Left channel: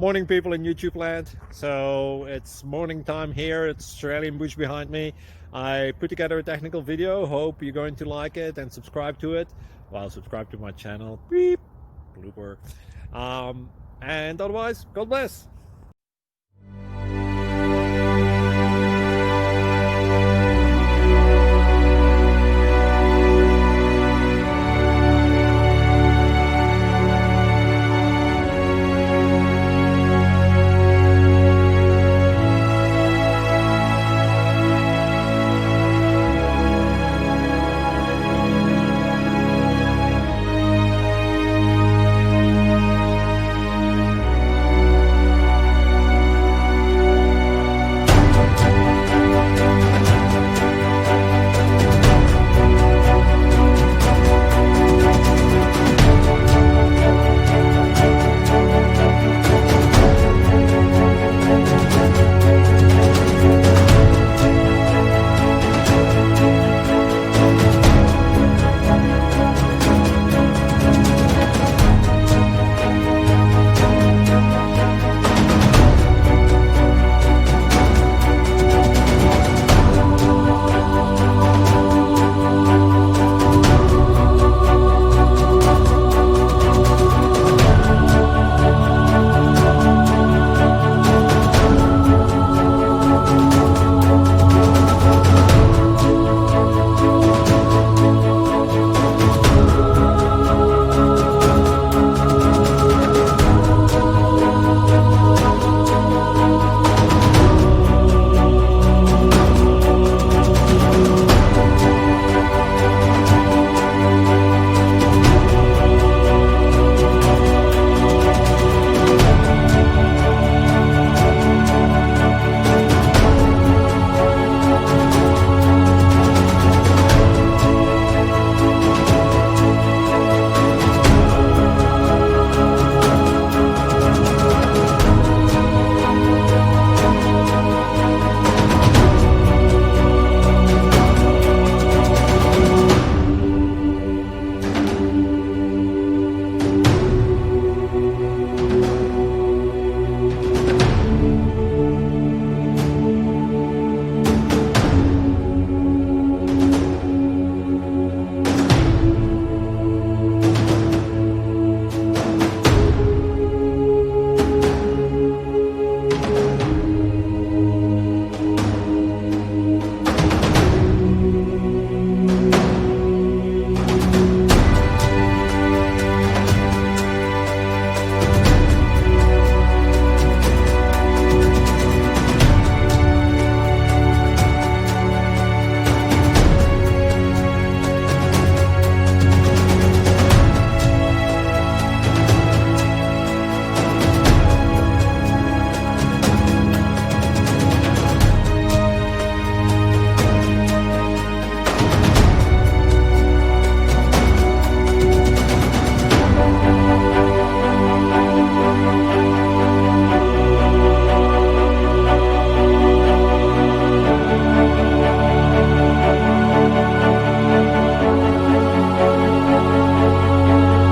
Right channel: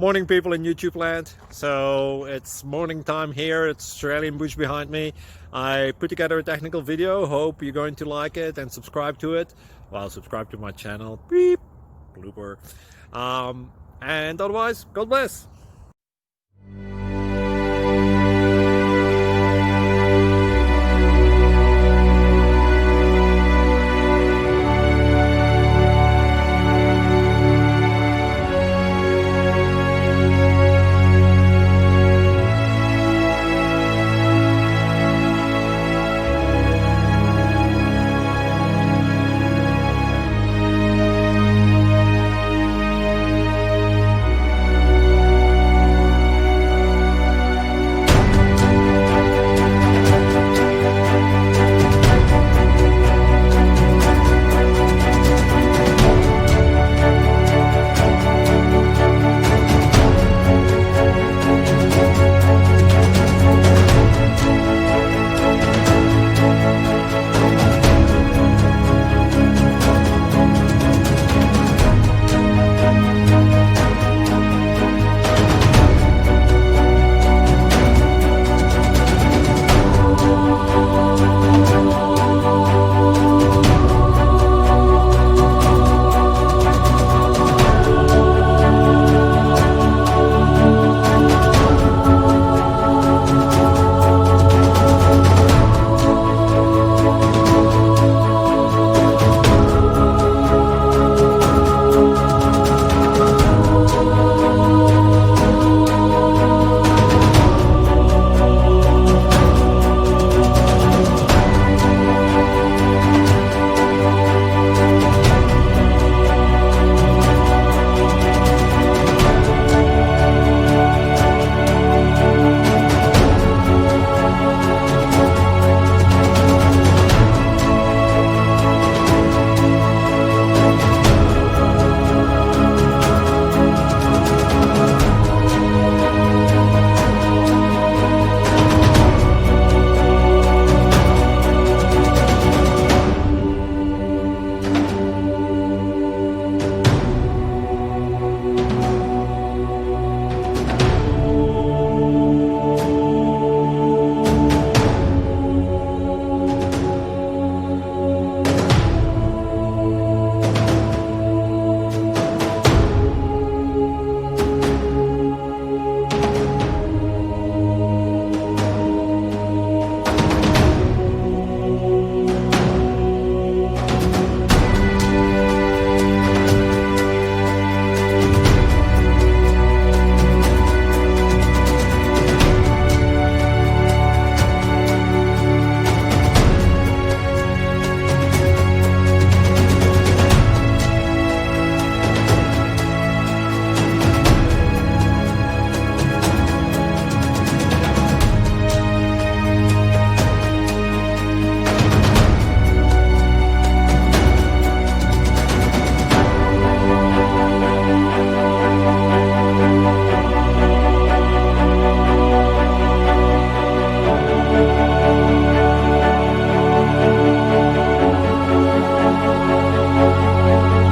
Morning, people in YouTube land. So it's morning time here. It's Australian bush behind me. I put together a technical video. Hope you're going to like it and subscribe to it. Well, subscribe to my channel. Beep. Blooper. And otherwise, God bless.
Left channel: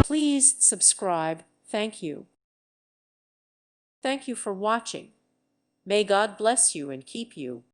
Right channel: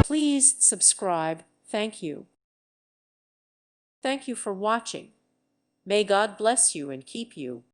Please subscribe. Thank you. Thank you for watching. May God bless you and keep you.